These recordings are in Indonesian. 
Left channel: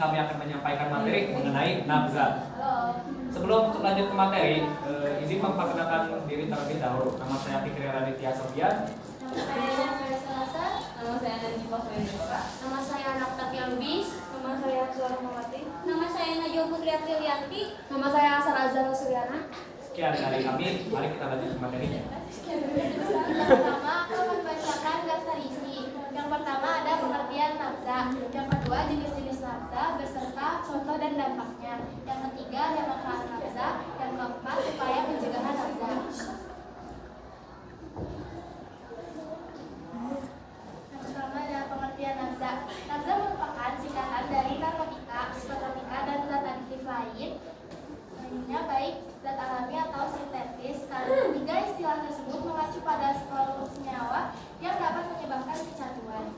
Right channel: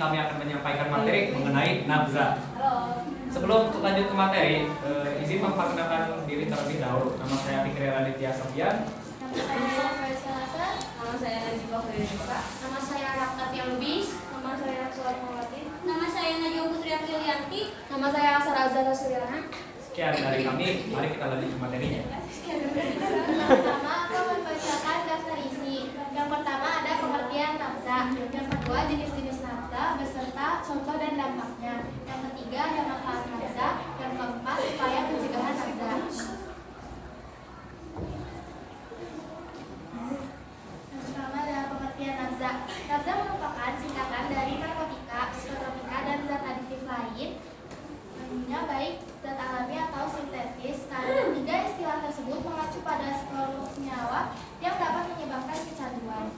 kami akan menyampaikan materi mengenai nabza. Sebelum lanjut ke materi, izin memperkenalkan diri terlebih dahulu. Nama saya Fikri Raditya Sofian. Nama saya Faisal Hasan. Nama saya Najibah Fredrika. Nama saya Rakatia Lubis. Nama saya Suara Mawati. Nama saya Najwa Putri Aprilianti. Nama saya Sarah Azhar Suryana. Sekian dari kami, mari kita lanjut ke materinya. Yang pertama, akan membacakan daftar isi. Yang pertama ada pengertian nabza. Yang kedua, jenis-jenis nabza beserta contoh dan dampaknya. Yang ketiga, ada manfaat nabza. Yang keempat, upaya pencegahan nabza. Yang pertama ada pengertian nabza. Nabza merupakan singkatan dari narkotika, psikotropika, dan zat adiktif lain. Baik zat alami atau sintetis, karena tiga istilah tersebut mengacu pada seluruh senyawa yang dapat menyebabkan kecanduan.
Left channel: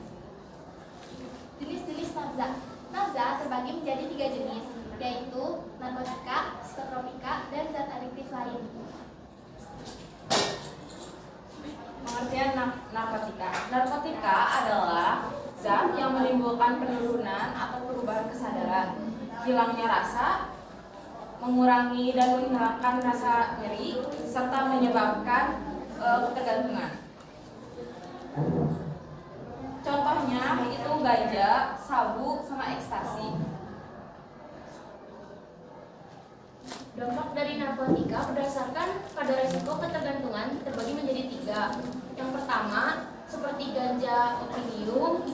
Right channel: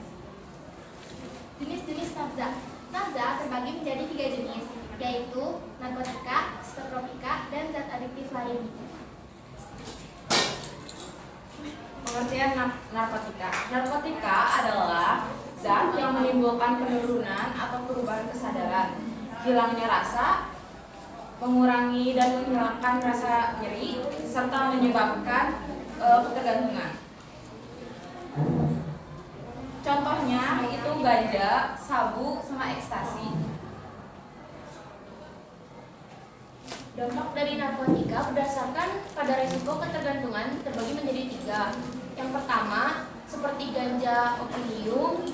Jenis-jenis nabza. Nabza terbagi menjadi 3 jenis, yaitu narkotika, psikotropika, dan zat adiktif lain. Pengertian narkotika. Narkotika adalah zat yang menimbulkan penurunan atau perubahan kesadaran, hilangnya rasa, mengurangi dan menghilangkan rasa nyeri, serta menyebabkan ketergantungan. Contohnya itu ganja, sabu, sama ekstasi. Dampak dari narkotika berdasarkan pada risiko ketergantungan terbagi menjadi 3. Yang pertama, seperti ganja, opium,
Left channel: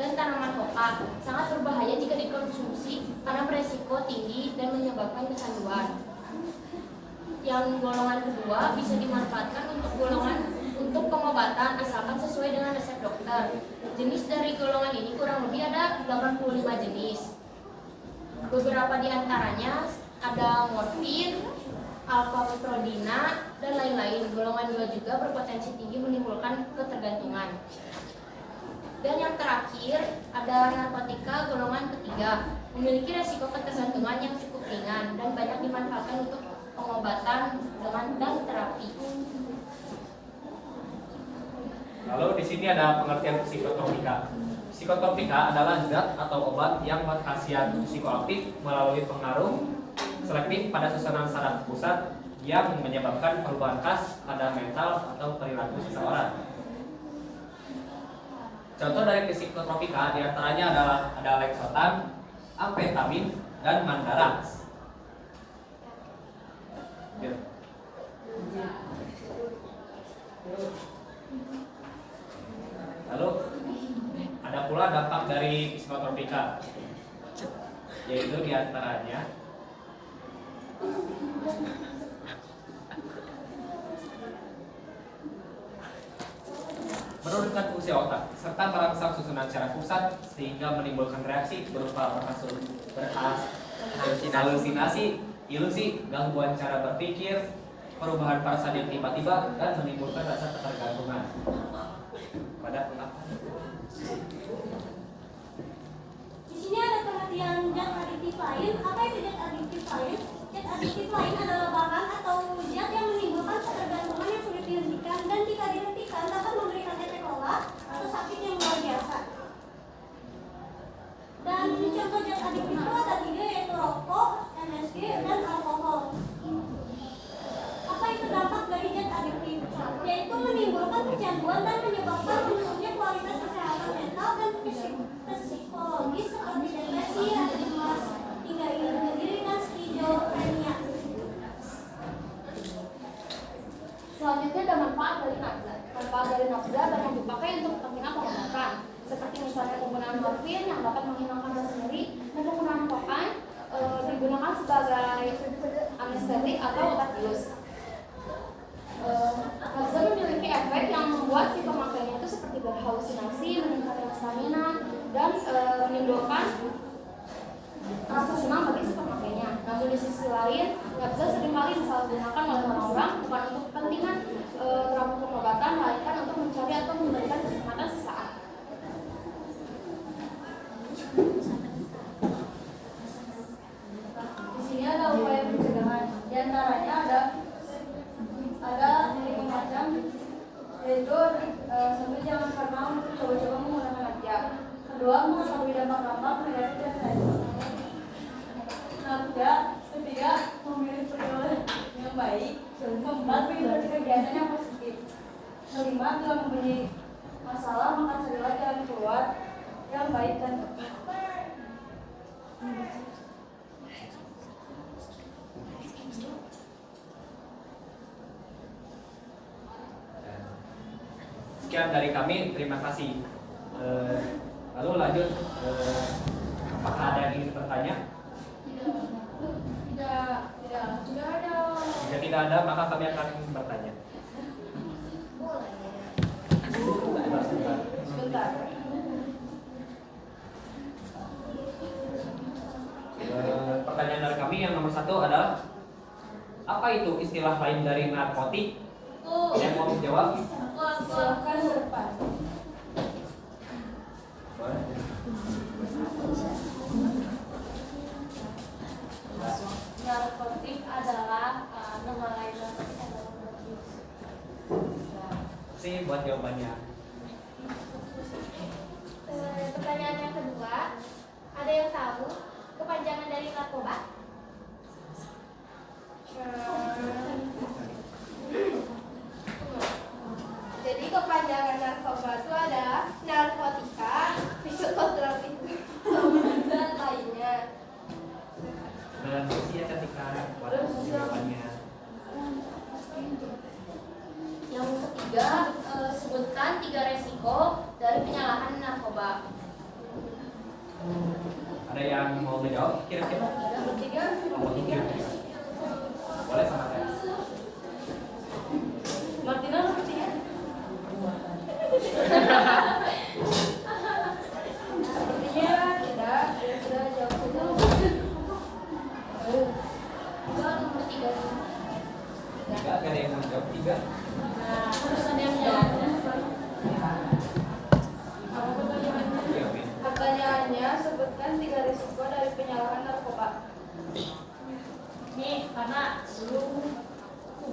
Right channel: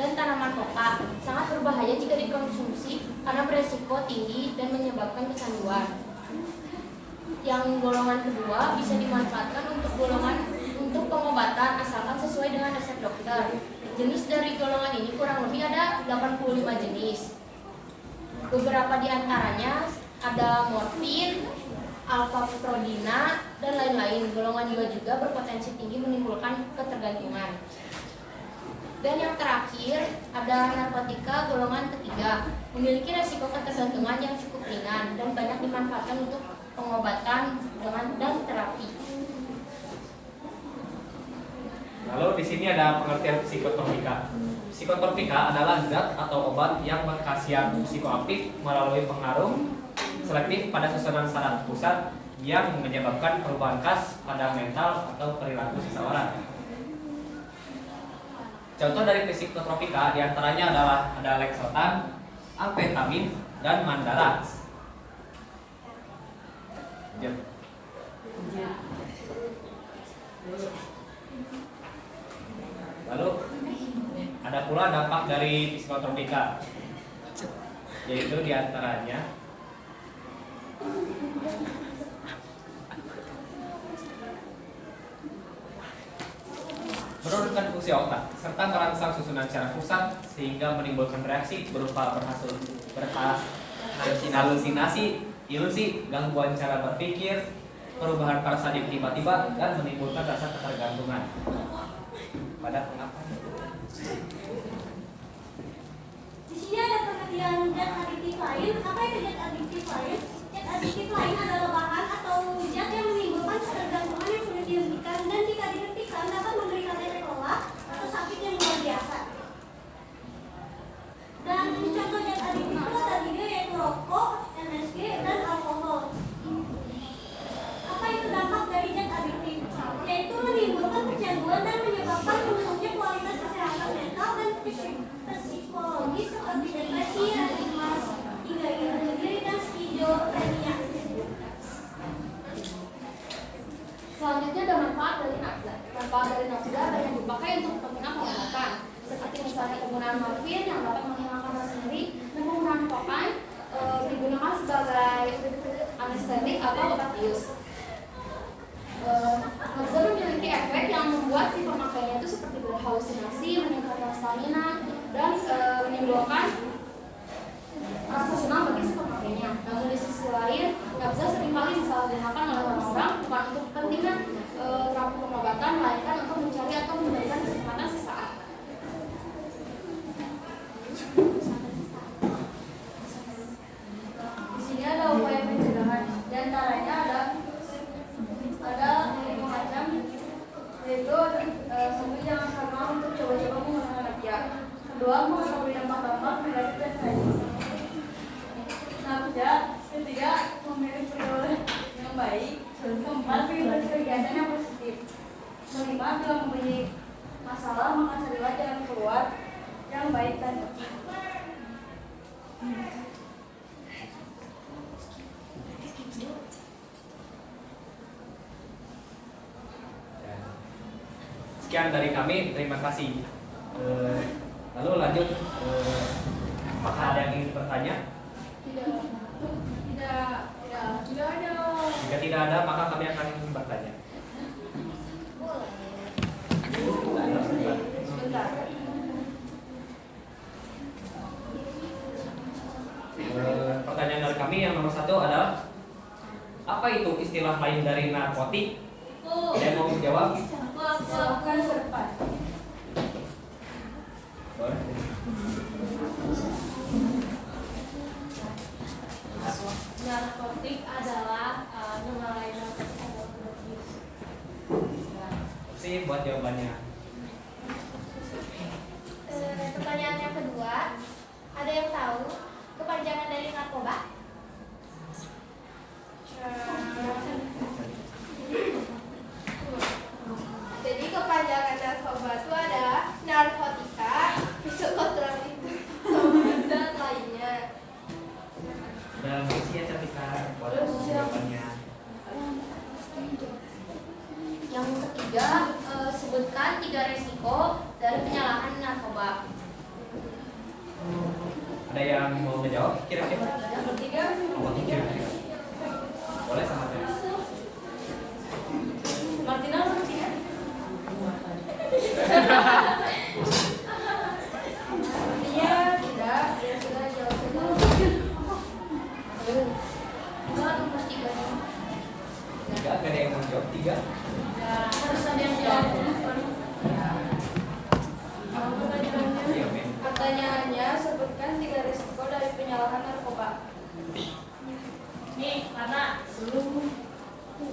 dan tanaman hoka, sangat berbahaya jika dikonsumsi karena beresiko tinggi dan menyebabkan kecanduan. Yang golongan kedua bisa dimanfaatkan untuk pengobatan asalkan sesuai dengan resep dokter. Jenis dari golongan ini kurang lebih ada 85 jenis. Beberapa di antaranya ada morfin, alfa-putrodina, dan lain-lain. Golongan 2 juga berpotensi tinggi menimbulkan ketergantungan. Dan yang terakhir ada narkotika golongan ketiga, memiliki resiko ketergantungan yang cukup ringan dan banyak dimanfaatkan untuk pengobatan dan terapi. Lalu di sini ada pengertian psikotropika. Psikotropika adalah zat atau obat yang berkhasiat psikoaktif melalui pengaruh selektif pada susunan saraf pusat yang menyebabkan perubahan khas pada mental atau perilaku seseorang. Contoh dari psikotropika diantaranya adalah ada leksotan, amfetamin, dan mandarax. Lalu ada pula dampak dari psikotropika, yaitu diantaranya menurunkan fungsi otak serta merangsang susunan saraf pusat sehingga menimbulkan reaksi berupa halusinasi, ilusi, gangguan cara berpikir, perubahan parasadik tiba-tiba, dan menimbulkan rasa ketergantungan pada pengakuan. Di sini ada pengertian zat adiktif lain. Apa itu zat adiktif lain? Zat adiktif lain adalah bahan atau zat yang menimbulkan ketergantungan yang sulit dihentikan dan jika dihentikan dapat memberikan efek lelah atau sakit yang luar biasa. Dan contoh zat adiktif itu ada 3, yaitu rokok, MSG, dan alkohol. Apa itu dampak dari zat adiktif? Yaitu menimbulkan kecanduan dan menyebabkan menurunnya kualitas kesehatan mental dan psikologis seperti depresi, cemas, hingga iri diri, dan skizofrenia. Selanjutnya ada manfaat dari nabza. Manfaat dari nabza banyak dipakai untuk kepentingan pengobatan, seperti misalnya penggunaan morfin yang dapat menghilangkan rasa nyeri, dan penggunaan kokain digunakan sebagai anestetik atau obat bius. Nabza memiliki efek yang membuat si pemakainya itu seperti berhalusinasi, meningkatkan stamina, dan menimbulkan rasa senang bagi si pemakainya. Namun di sisi lain, nabza seringkali disalahgunakan oleh orang-orang bukan untuk kepentingan terapi pengobatan, melainkan untuk mencari atau memberikan kenikmatan sesaat. Di sini ada upaya pencegahan. Di antaranya ada 5 macam, yaitu sebelum jangan karena untuk coba-coba menggunakan media. akan berdampak-dampak negatif dan sadis. Nah, ketiga, memilih pergaulan yang baik. Keempat, mengikuti kegiatan yang positif. Kelima, bila mempunyai masalah, maka carilah jalan keluar yang baik dan tepat. Sekian dari kami, terima kasih. Lalu lanjut, apakah ada yang ingin bertanya? Tidak ada. Jika tidak ada, maka kami akan bertanya. Sebentar. Pertanyaan dari kami yang nomor 1 adalah apa itu istilah lain dari narkotik? Ada yang mau menjawab? Silakan ke depan. Narkotik adalah nama lain narkotik adalah narkotik. Sih buat jawabannya. Pertanyaan yang kedua, ada yang tahu kepanjangan dari narkoba? Jadi kepanjangan narkoba itu adalah narkotika, psikotropik, dan lainnya. Dan ya Cantika buat jawabannya. Yang ketiga, sebutkan 3 resiko dari penyalahan narkoba. Ada yang mau menjawab kira-kira? Yang ketiga, Apa tuh kira-kira? Boleh sama saya. Martina, Martina. sepertinya tidak. Ya sudah jawab saja. Coba nomor 3. Tiga, ada yang mau jawab? 3. Terus ada yang jawab. Iya, men. Pertanyaannya, sebutkan 3 risiko dari penyalahan narkoba. Nih, karena belum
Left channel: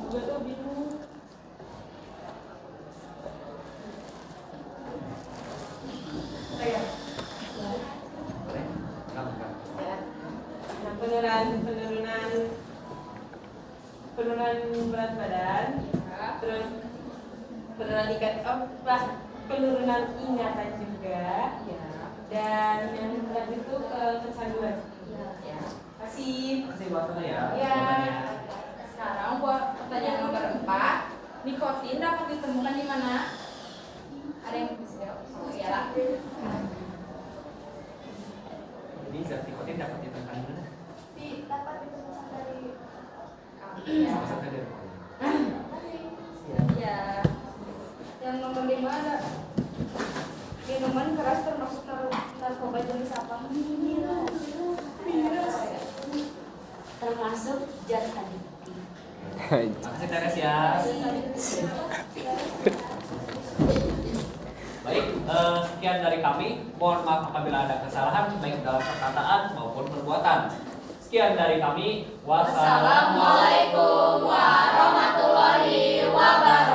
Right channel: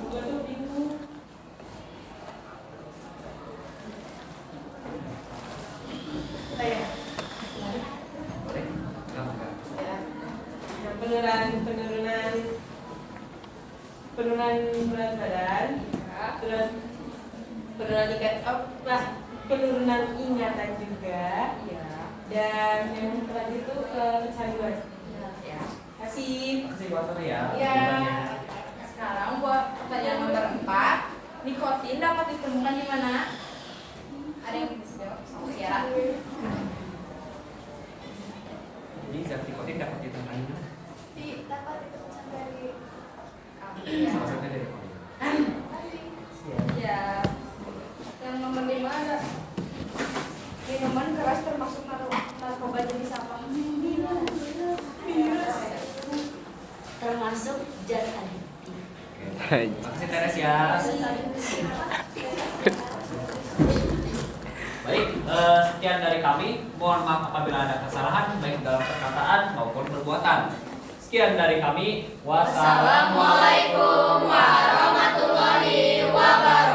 gue tuh bingung. Saya. Boleh? Kamu kan? Ya. Yang penurunan berat badan, terus penurunan ingatan juga, dan yang terakhir itu kecanduan. Ya. Kasih. Kasih waktunya ya. Ya. Jawabannya. Sekarang buat pertanyaan nomor 4, nikotin dapat ditemukan di mana? Ada yang bisa jawab? Sama Tiara. Jadi zat nikotin dapat ditemukan di mana? Dapat ditemukan dari Sama-sama dari mana? Ya. Yang nomor 5 ada minuman keras termasuk narkoba jenis apa? termasuk zat adiktif. Terima kasih Teres ya. Baik, sekian dari kami. Mohon maaf apabila ada kesalahan baik dalam perkataan maupun perbuatan. Sekian dari kami. Wassalamualaikum Wassalamualaikum warahmatullahi wabarakatuh.